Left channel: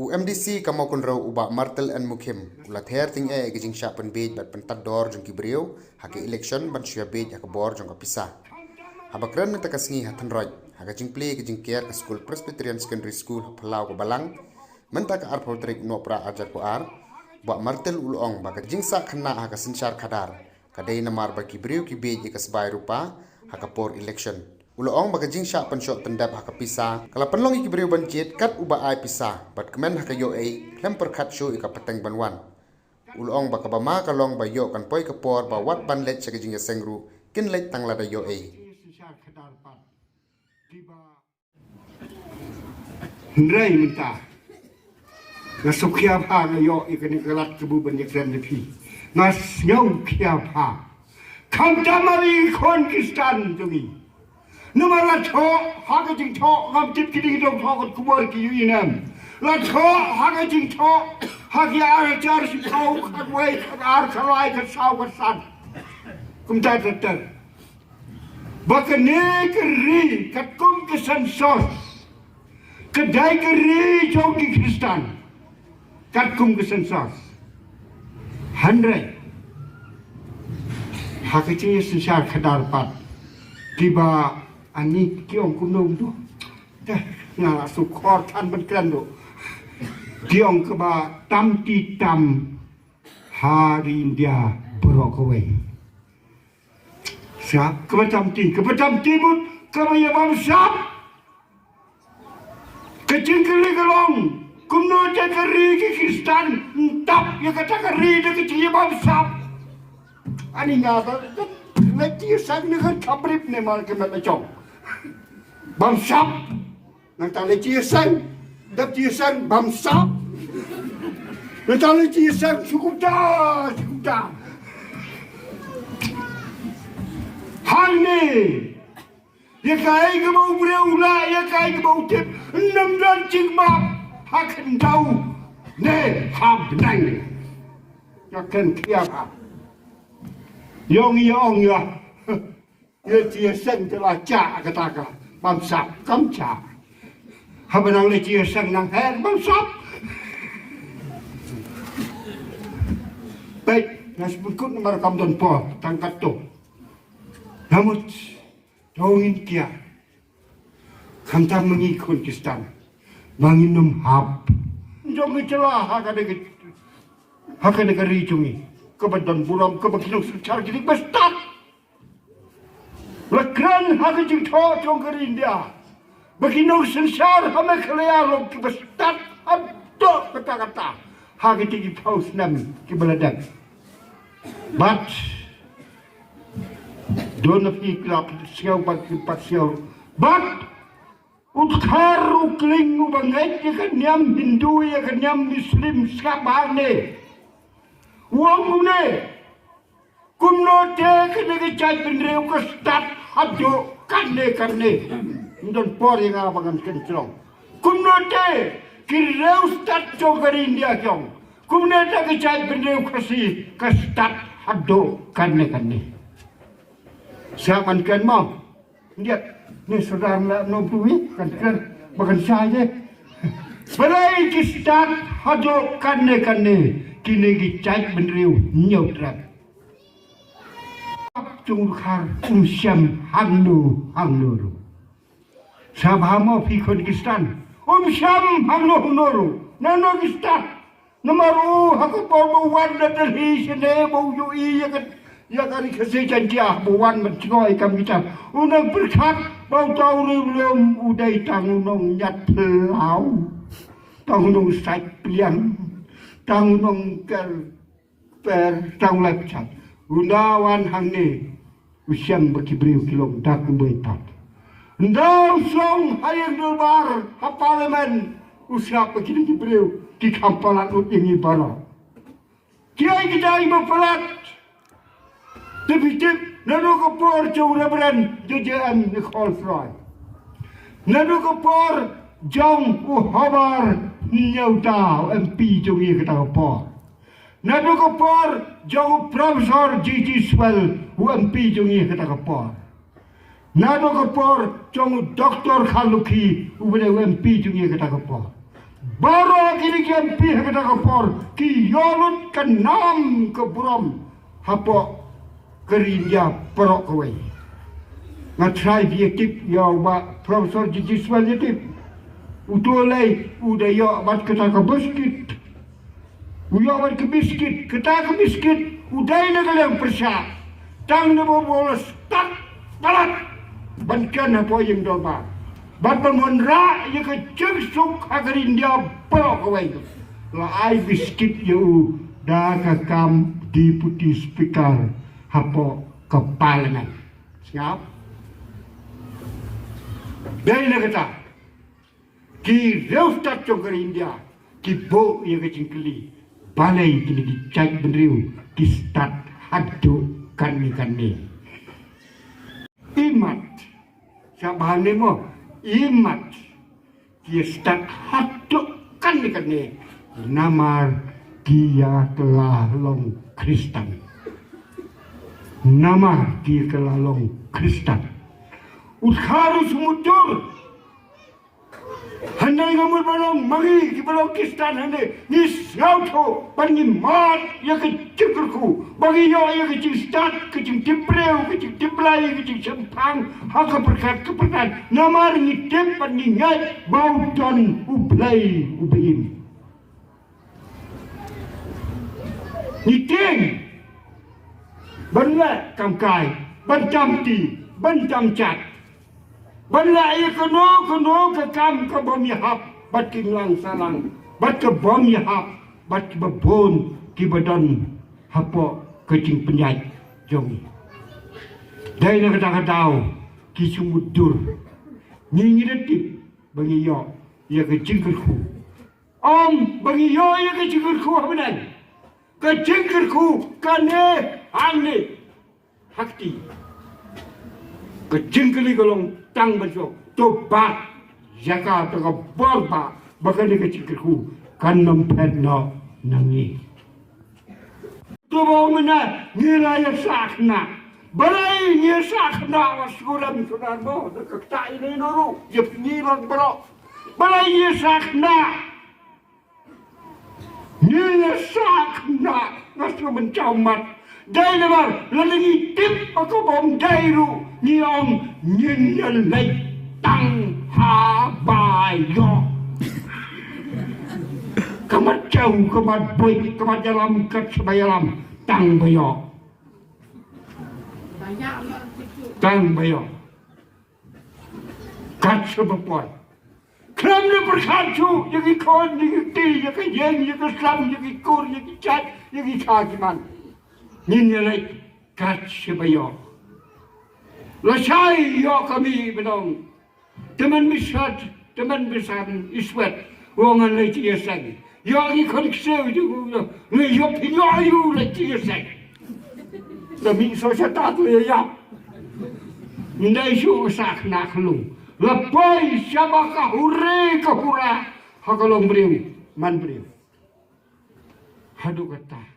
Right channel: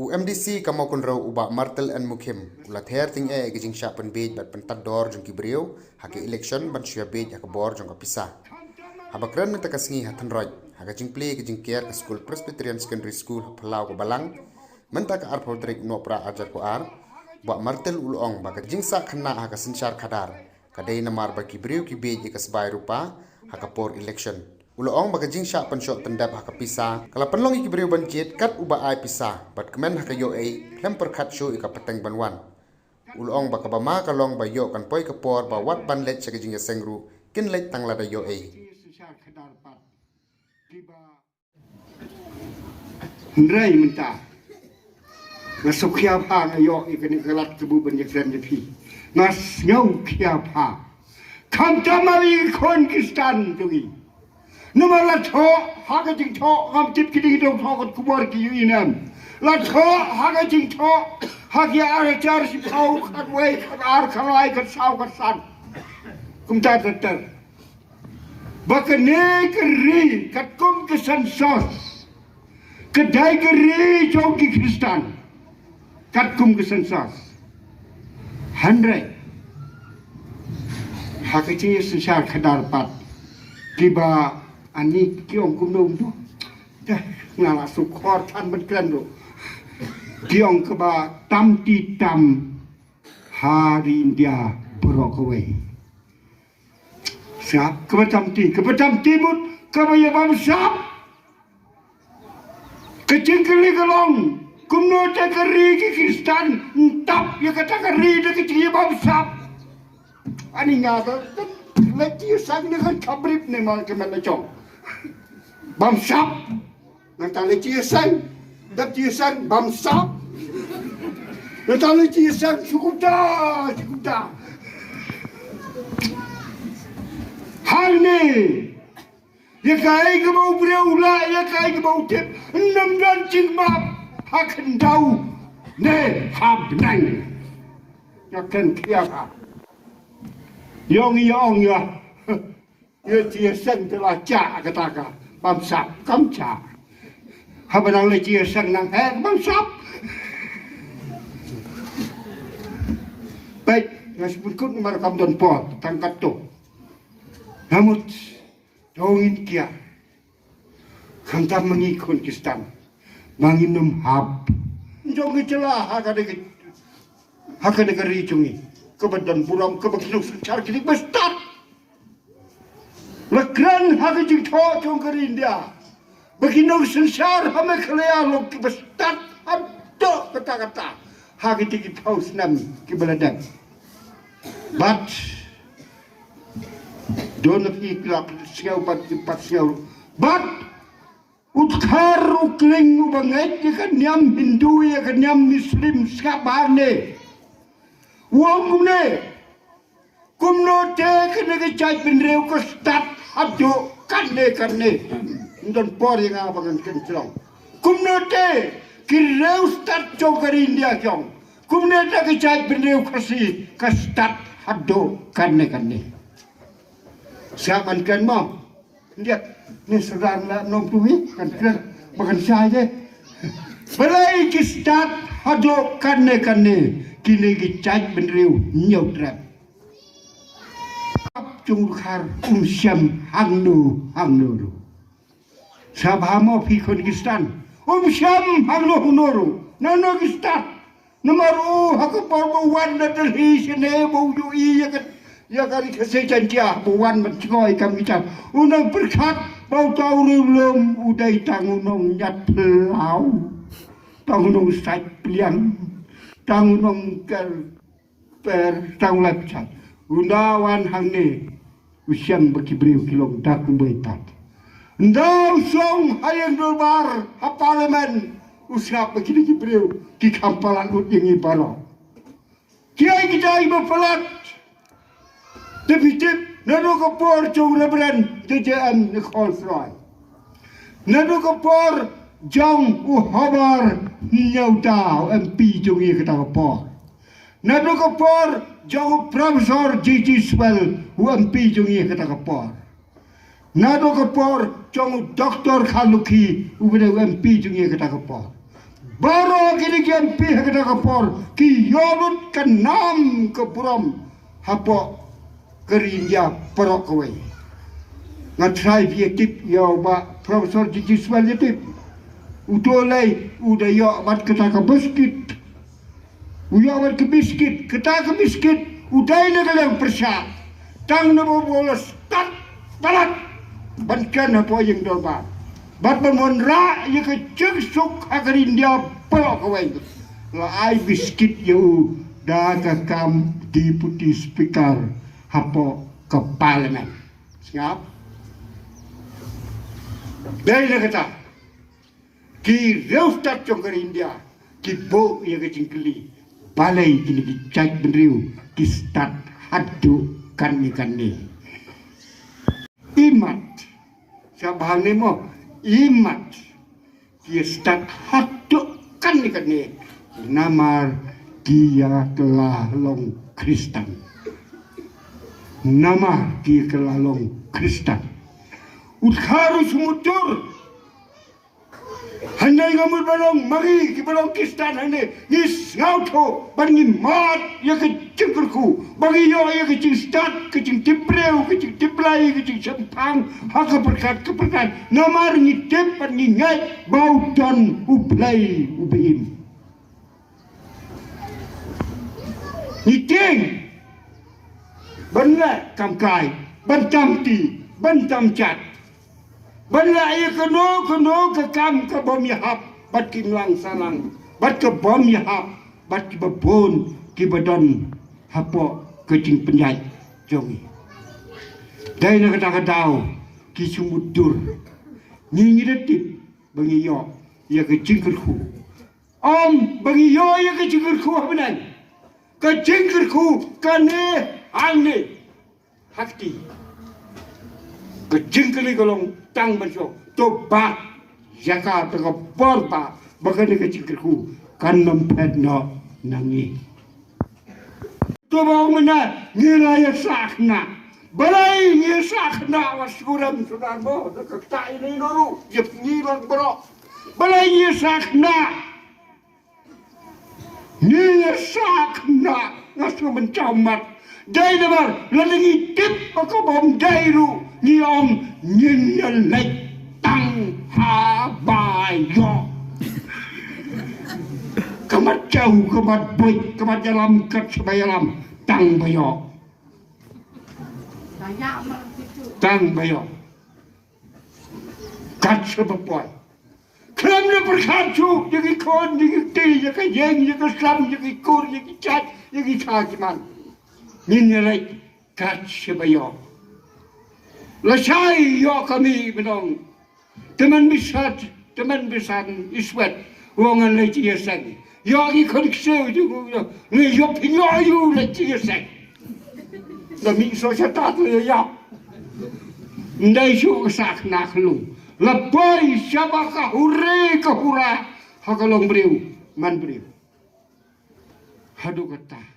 UMDC kamau kunrau ubak martel and mukim ulat her ting gijing sya penbej bat pentador jong kibriu hake election ban syua bej hake bor jong kapisa habakran menta kasngi hatan roj hake jing play gijing care ke school Presbyterian Secondary School Palau ke Balang menta ke ar podrik no pra ajar ko ar bak martel ulong bak jing sa Khynnah hake sensyar kadar kadai Namar bak kibriu ki bej ke sebai rupa hake por election Uloong baka jing sya pensyok tendap haka pisa. Kala penlong iki beriu bancit kat uba ai pisa. Bat kemen haka yo ai klem perkat syu ika peteng banwan. Uloong baka bama kalong ba yo kan poi kepor ba wat ban let sega jing sengru kin let tang lada yo ai. Ndrai minta. Nasuk kia pa na yo ikani kalat kebu banyak dan depi. Nas nyau kia pa. Kam tamari Khynnah tungi. Namar la tho haga jing tho ngam tip kiding dong tho kot kubor ki yu inam la tho haga jing tho hagi ar char si tho khat wei khat ar khalai khat sau khat san kum ta tar bakane kri kat kum ke san sos kedai kri jong ki Kristan kat kum ke san sos 100 haga jing sensyar khadal pat tiba ani kiong kumnum tu ngala sukor tan benkran tu kiong keba tam ti tam hari India berokwe siap kebetam ti mut kebaya bamsap kecing keri kelong kumno te keri ki Kristan entap ya kata keri de kecing bamsap ani ngala lagi sang dengan kabrip ne mal ke macam bamsap nang tak lagi sang dak ti sang bamsap nang tak lagi sang cukup dah hal ni ya kai ke mau berulah ya kai ke mau tip 6 dan cing map akan tahu ne hab nang akan kiapa Yong ya, dia sen telah cak kata bamsap kamca. Habanang le dia sen nang her bamsap. Baik, nas berikut nomor kamdon po tangkat tu. Namun, dongin kia, kamta mengikut Kristan, manginum hab. Jangan celah hak negeri cungi. Kebadan buram kebaginung sencar jadi bestat. Lekran hati jing tho jong India. Baginung sencar hame kelea log ki bestat. Abdo kata-kata. Hati tinggi paus nam ki beladan. But don't of iklap siau bat ki pat siau. But utkar ukling ubangai ya kan nyam Hindu ya kan nyam Muslim skabane. Wong ne kumno te kene ke cai pinreu ke stat hadu kanne ndon por yang abangan kencrong kumno te kireu stat jogari India kyong kumne te ke cai pinreu kasi ke stat hadu kanne siapan kan mau lihat ni saudara nak nom tuwi kan bagan saja berai ke stat hadu kanne kini gicai benriu nyau trap chung khar syam hangnu Shaba mo pi Khynnah syam hangnu nano gistat namaru haku porbu wan datal hi sene bau yu i ya kan kese janjah buwan mencngoi kam kita unang berkat bau tau lum udai tangunong nyat pelau tangunong sai pliang tangunong per tangulap chat unawan hangne usyam bakibriu kilong dak betat ndam song hayang dolbar ha parlimen usyap bakibriu ki kampalan udingi baro kiai kita ibu pelat tepitip nado ko por jong rebren DJM ni konfroi nado ko por jong uhabar nyau tau MP jungi kata por nadu ko por jong profesor GG Swell MP jungi kata por nadu ko por jong doktor Khaluki ubede MP jungi kata por Baru kini kian pihak kita kapor ki yorut ke nam ke buram hapo kerinja perok kawai. Ngatrai dia tip ya ba Profesor Jijiswal dia tip. Utolai udah ya bat kita ke biskit. Uya bat ke biskit, kita ke biskit. Udah ini kalian persia. Tang nama bolos tak balat. Bankan apa yang dolba. Bapa monra ya ke cengsuk agar India pelok kawai. Lai biskit you dah kakam deputy speaker hapo ke parlimen. Siap? Dari kata ki reustat congkar India ki bo ya ke cingkeli balai kini ki cak benriu ki start hadu kan ni imat sabahan ni mo imat ki start hadu kan ni Namar dia telah long Kristen Namar dia telah long Kristen harus muncul. Handai kamu balong mari ki balong Kristen handai ni ngauto bagi mat ya ke cengkerku bagi yo ya ke cingstat ke cing tipreu ke cing tiplai ke cing sempang hak keperkat Namar ni tip ni ngai bau dan ublai ubeim ni ting benar kamkai bentam ti bentam cat Bala ia keno ke kam ke bom yahap bat kinlang salang bat ke bom yahap bat ke babon ki badan hapo ke cing penyai jongi dai na kata ki sumudur ni ngiretip bagi yo ya ke cingkerku bagi yo ya ke cingkerku abenan ke cingkerku kane anne hakti ke cingkeli golong tang bajo to ba jaka to borba bagane ke cingkerku kan mempet no nangi to ba mena niraya sakna balai ni sakna wasuram sunan bo ke ta ini noru je ngilang bro balai ni sakna ngasu mencamat dai namar lalingi tip aku bom dairu ni om Ialeit tang habayo kamat jauh kamat Buit kamat dalam kat sebayalam tang bayo tang bayo kat sebapoy kram na perkatu yang ikon yang ti yang yang yang slam yang ikur yang cat yang ikakiman Ialeit kat sebayo Lasai yo kami benong teman besar iswat wangan leci yasag yo i koneksio juga le yo pinyo leci yasag demi sosiatat le ya ndai syo sak naklu lapoi Shaba ka hurra hakalong briu man briu hadu kata